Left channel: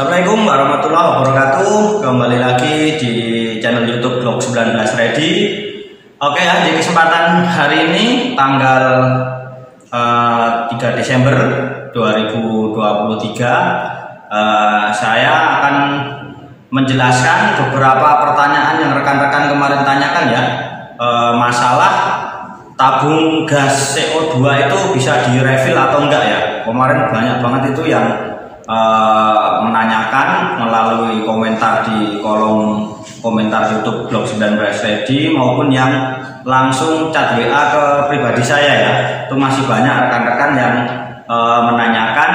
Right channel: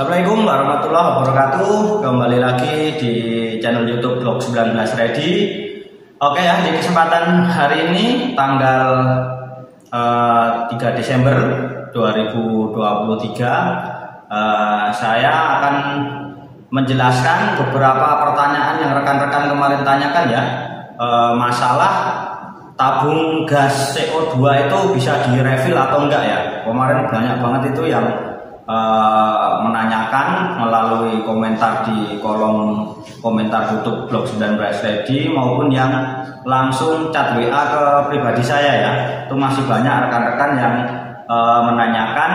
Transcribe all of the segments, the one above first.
Assalamualaikum warahmatullahi wabarakatuh. Kembali lagi di channel YouTube Blog 19 Ready. Oke ya, di kesempatan hari ini tanggal 3 Desember 2023 saya akan menjelaskan beberapa pertanyaan yang rekan-rekan kemarin tanyakan ya, masalah tabung gas CO2 itu bisa direfill atau enggak ya. Kemarin banyak banget itu yang menanyakan melalui komentar di kolom komentar YouTube Blog 19 Ready maupun yang langsung chat WA ke pribadi saya ya. Itu masih banyak rekan-rekan yang menanyakan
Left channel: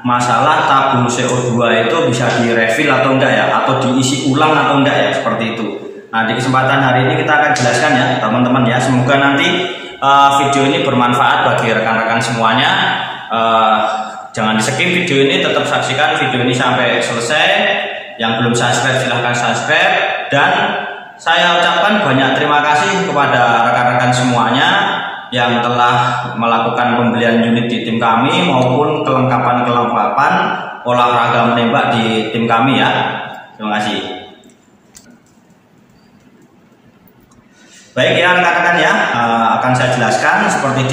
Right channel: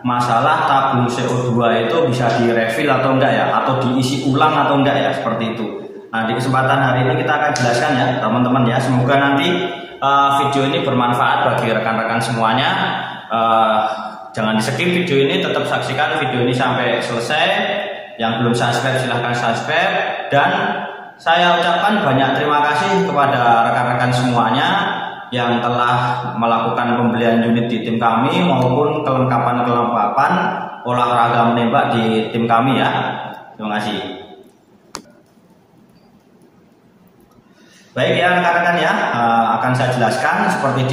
masalah tabung CO2 itu bisa direfill atau enggak ya, atau diisi ulang atau enggak ya, seperti itu. Nah, di kesempatan hari ini kita akan jelaskan ya teman-teman ya. Semoga nanti video ini bermanfaat bagi rekan-rekan semuanya. Jangan di skip video ini, tetap saksikan video ini sampai selesai. Yang belum subscribe silahkan subscribe. Dan saya ucapkan banyak terima kasih kepada rekan-rekan semuanya yang telah melakukan pembelian unit di tim kami maupun kelengkapan olahraga menembak di tim kami ya. Terima kasih. Baik ya rekan-rekan ya, akan saya jelaskan seperti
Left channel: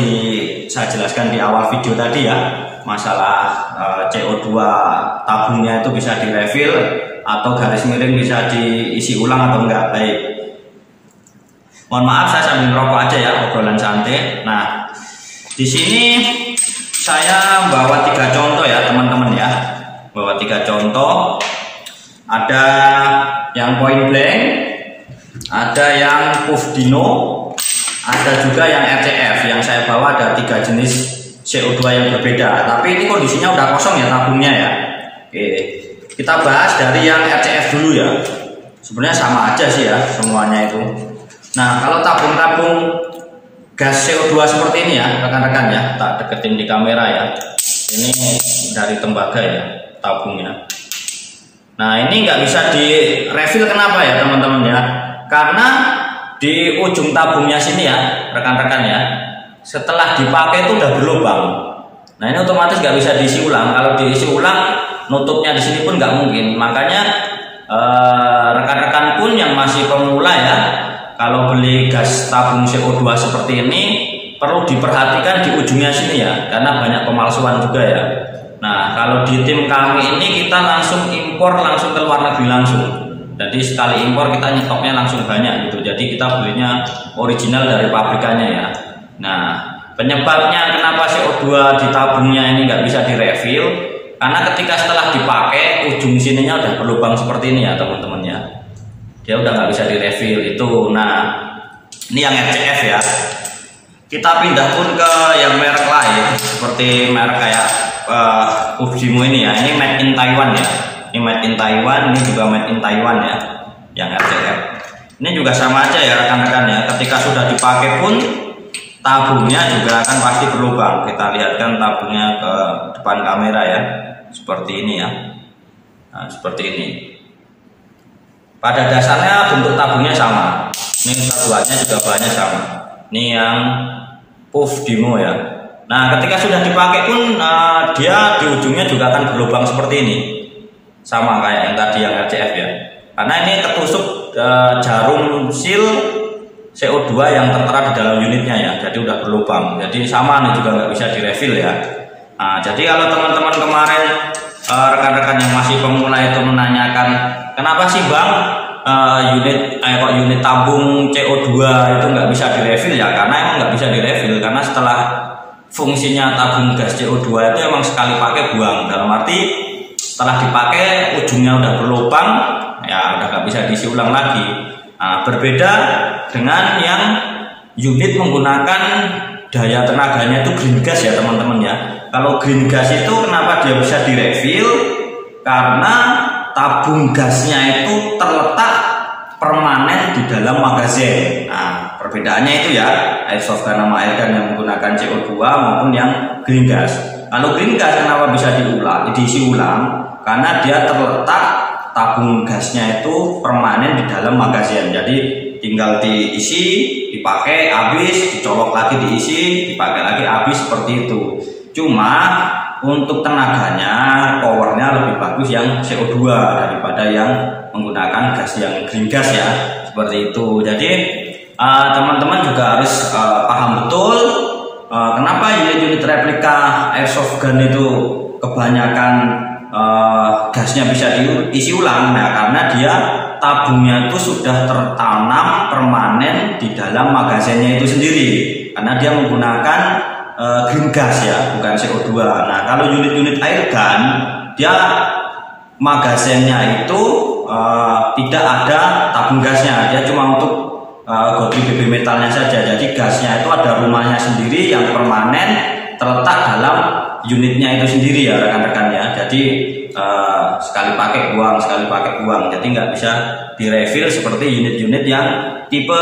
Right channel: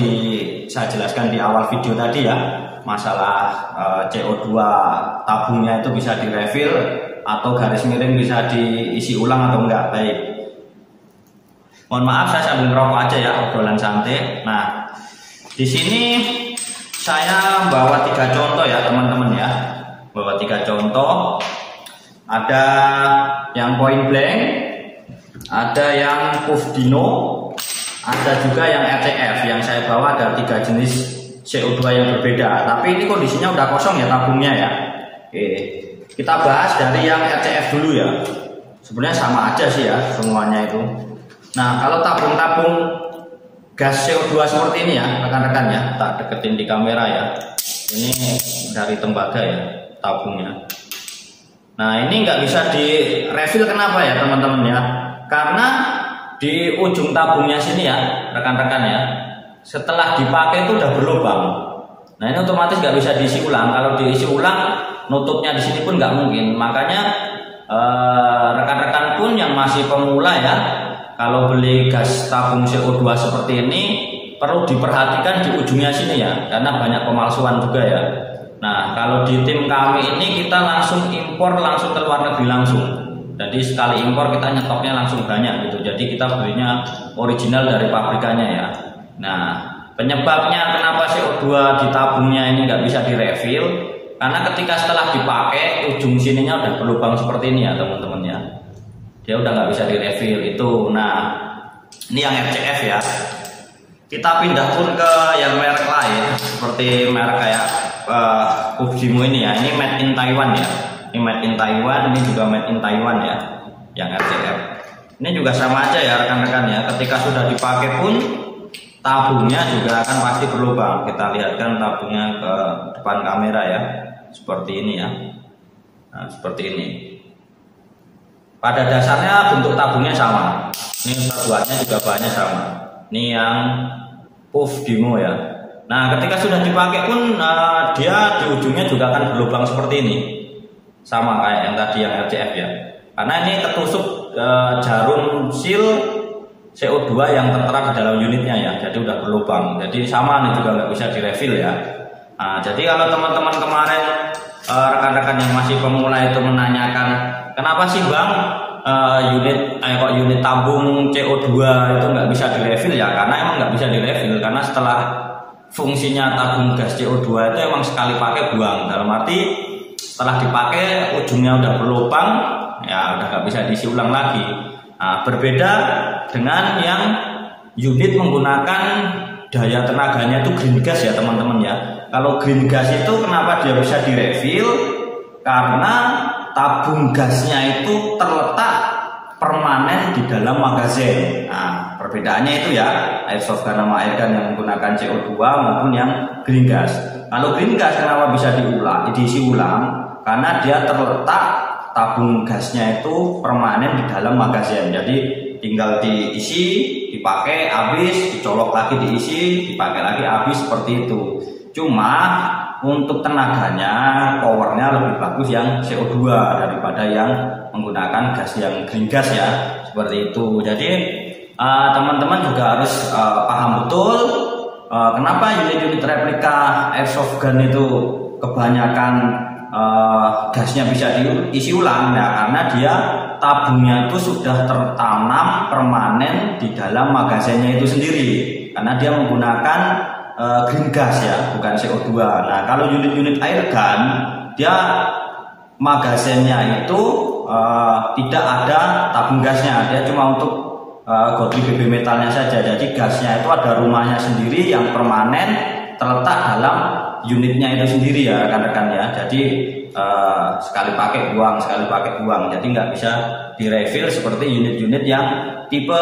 saya jelaskan di awal video tadi ya, masalah CO2 tabungnya itu bisa direfill atau garis miring bisa diisi ulang atau enggak. Baik, mohon maaf saya sambil ngerokok aja ya, obrolan santai. Nah, di sini saya bawa 3 contoh ya teman-teman ya, bawa 3 contoh. Ada yang point blank, ada yang puff dino, ada juga yang RCF. Yang saya bawa ada 3 jenis CO2 yang berbeda, tapi ini kondisinya udah kosong ya tabungnya ya. Oke, kita bahas dari yang RCF dulu ya. Sebenarnya sama aja sih ya semuanya itu. Nah, kalau tabung-tabung gas CO2 seperti ini ya rekan-rekan ya, tak deketin di kamera ya. Ini dari tembaga ya tabungnya. Nah, ini nggak bisa di refill, kenapa ya teman-teman ya? Karena di ujung tabungnya sini ya rekan-rekan ya, setelah dipakai itu udah berlubang. Nah, ini otomatis nggak bisa diisi ulang. Kalau diisi ulang, nutupnya di sini pun nggak mungkin. Makanya rekan-rekan pun yang masih pemula ya, kalau beli gas tabung CO2 seperti ini perlu diperhatikan di ujungnya sini ya, karena banyak pemalsuan juga ya. Nah, kalau di tim kami ini kita langsung impor langsung ke luar negeri langsung. Jadi sekali impor kita nyetoknya langsung banyak gitu. Jadi kita belinya original dari pabrikannya ya. Nah, penyebabnya kenapa CO2 di tabungnya ini nggak bisa direfill, karena ketika setelah dipakai ujung sininya udah berlubang seperti ini ya teman-teman ya, dia udah nggak bisa direfill itu. Nah, ini yang RCF ya. Kita pindah pun ke yang merek lain seperti merek kayak Fujimo ini ya. Ini made in Taiwan ya. Ini made in Taiwan, ini juga made in Taiwan ya, yang RCF. Ini juga sama aja ya rekan-rekan ya. Ketika sudah dipakai pun tabungnya juga akan pasti berlubang. Kita lihatkan tabungnya ke depan kamera ya, seperti ini ya. Nah, seperti ini. Pada dasarnya bentuk tabungnya sama. Ini satuannya juga bahannya sama. Ini yang puff dino ya. Nah, ketika sudah dipakai pun dia di ujungnya juga akan berlubang seperti ini. Sama kayak yang tadi yang RCF ya. Karena ini tertusuk jarum seal CO2 yang tertera di dalam unitnya ya, jadi udah berlubang. Jadi sama nih, juga nggak bisa direfill ya. Nah, jadi kalau teman-teman kemarin rekan-rekan yang masih pemula itu menanyakan, kenapa sih bang unit tabung CO2 itu nggak bisa direfill ya? Karena emang nggak bisa direfill, karena setelah fungsinya tabung gas CO2 itu emang sekali pakai buang. Dalam arti setelah dipakai ujungnya udah berlubang ya, udah nggak bisa diisi ulang lagi. Nah, berbeda dengan yang unit menggunakan daya tenaganya itu green gas ya teman-teman ya. Kalau green gas itu kenapa dia bisa direfill? Karena tabung gasnya itu terletak permanen di dalam magazin. Nah, perbedaannya itu ya, airsoft gun sama airgun yang menggunakan CO2 maupun yang green gas. Kalau green gas kenapa bisa diisi ulang? Karena dia terletak tabung gasnya itu permanen di dalam magazin. Jadi tinggal diisi, dipakai, habis, dicolok lagi, diisi, dipakai lagi, habis, seperti itu. Cuma untuk tenaganya, powernya lebih bagus yang CO2 daripada yang menggunakan gas yang green gas ya, seperti itu. Jadi teman-teman juga harus paham betul kenapa unit-unit replika airsoft gun itu kebanyakan gasnya bisa diisi ulang, ya karena dia tabungnya itu sudah tertanam permanen di dalam magazinnya itu sendiri, karena dia menggunakan green gas ya, bukan CO2. Nah, kalau unit-unit air gun, dia magazinnya itu tidak ada tabung gasnya, dia cuma untuk godri BB metalnya saja. Jadi gasnya itu ada rumahnya sendiri yang permanen terletak dalam unitnya itu sendiri ya rekan-rekan ya. Jadi sekali pakai buang, sekali pakai buang. Jadi nggak bisa direfill seperti unit-unit yang tipe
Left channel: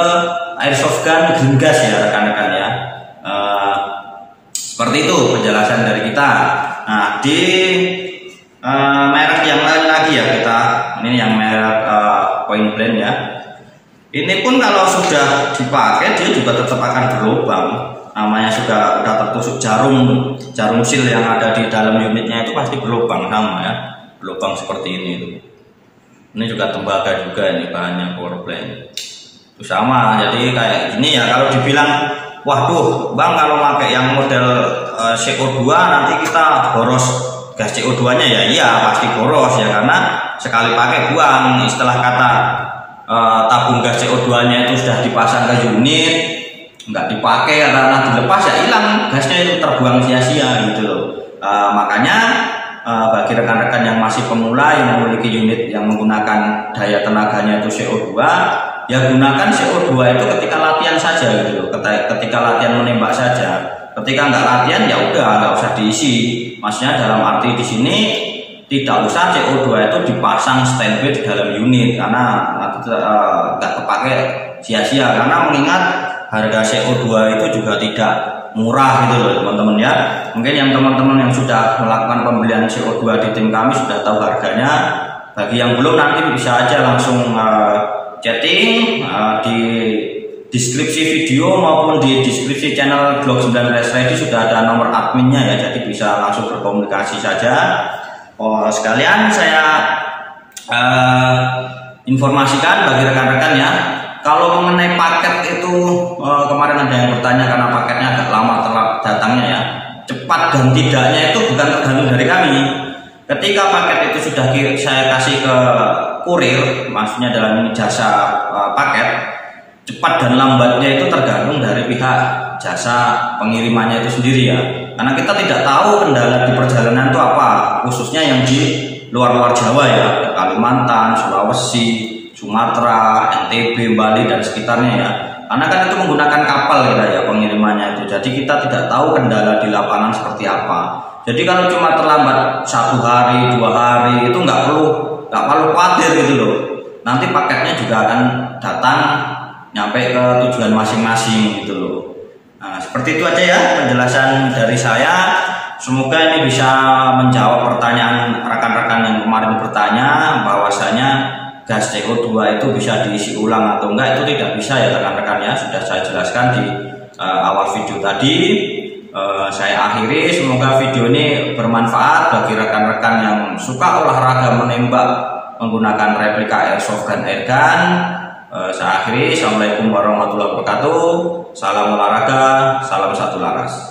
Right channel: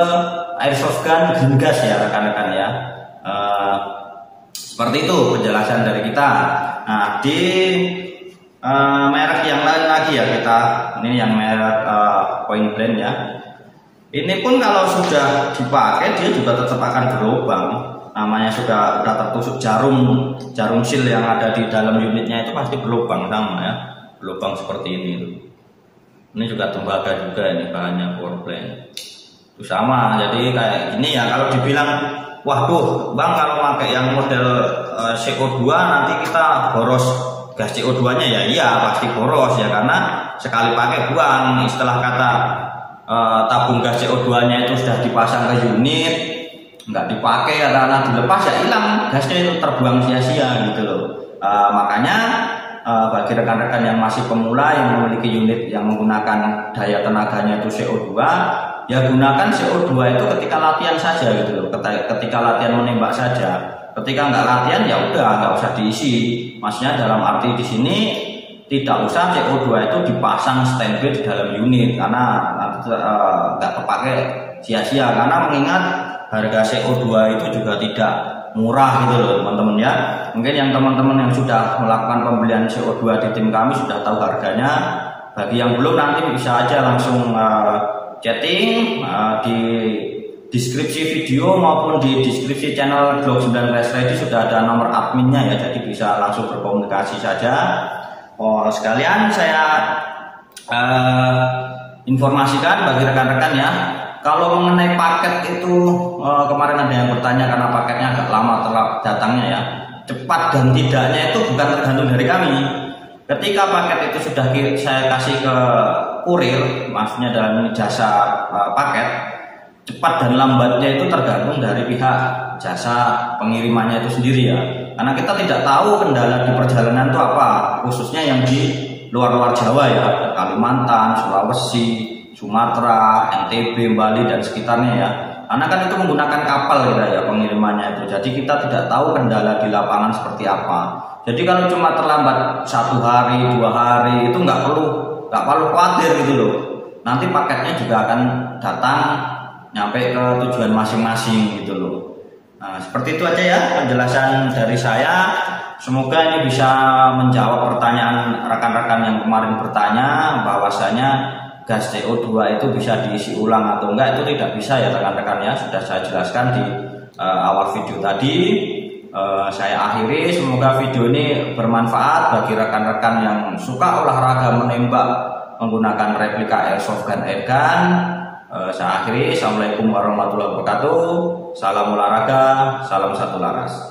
airsoft gun green gas ya rekan-rekan ya. Seperti itu penjelasan dari kita. Nah, di merek yang lain lagi ya, kita ini yang merek Point Blank ya. Ini pun kalau sudah dipakai dia juga tetap akan berlubang. Namanya sudah tertusuk jarum sil yang ada di dalam unitnya itu pasti berlubang sama ya, berlubang seperti ini. Ini juga tembaga juga, ini bahannya Point Blank. Itu sama, jadi kayak gini ya. Kalau dibilang, waduh bang kalau pakai yang model CO2 nanti kita boros gas CO2 nya ya, iya pasti boros ya, karena sekali pakai buang. Istilah kata tabung gas CO2 nya itu sudah dipasang ke unit, nggak dipakai karena dilepas ya hilang, gasnya itu terbuang sia-sia gitu loh. Makanya bagi rekan-rekan yang masih pemula yang memiliki unit yang menggunakan daya tenaganya itu CO2, ya gunakan CO2 itu ketika latihan saja gitu loh, ketika latihan menembak saja. Ketika nggak latihan ya udah nggak usah diisi. Maksudnya dalam arti di sini tidak usah CO2 itu dipasang standby di dalam unit, karena nggak kepake sia-sia. Karena mengingat harga CO2 itu juga tidak murah gitu loh teman-teman ya. Mungkin yang teman-teman yang sudah melakukan pembelian CO2 di tim kami sudah tahu harganya. Bagi yang belum nanti bisa aja langsung chatting di deskripsi video maupun di deskripsi channel Glock 9 Race Ready sudah ada nomor adminnya ya, jadi bisa langsung berkomunikasi saja. Sekalian saya informasikan bagi rekan-rekan ya, kalau mengenai paket itu kemarin ada yang bertanya karena paketnya agak lama datangnya ya. Cepat dan tidaknya itu bukan tergantung dari kami. Ketika paket itu sudah saya kasih ke kurir, maksudnya dalam jasa paket, cepat dan lambatnya itu tergantung dari pihak jasa pengirimannya itu sendiri ya. Karena kita tidak tahu kendala di perjalanan itu apa, khususnya yang di luar-luar Jawa ya, Kalimantan, Sulawesi, Sumatera, NTB, Bali dan sekitarnya ya. Karena kan itu menggunakan kapal ya pengirimannya itu. Jadi kita tidak tahu kendala di lapangan seperti apa. Jadi kalau cuma terlambat 1 hari, 2 hari itu nggak perlu khawatir gitu loh. Nanti paketnya juga akan datang nyampe ke tujuan masing-masing gitu loh. Nah, seperti itu aja ya penjelasan dari saya. Semoga ini bisa menjawab pertanyaan rekan-rekan yang kemarin bertanya bahwasanya gas CO2 itu bisa diisi ulang atau enggak. Itu tidak bisa ya rekan-rekan ya, sudah saya jelaskan di awal video tadi. Saya akhiri, semoga video ini bermanfaat bagi rekan-rekan yang suka olahraga menembak menggunakan replika airsoft gun airgun. Saya akhiri, assalamualaikum warahmatullahi wabarakatuh. Salam olahraga, salam satu laras.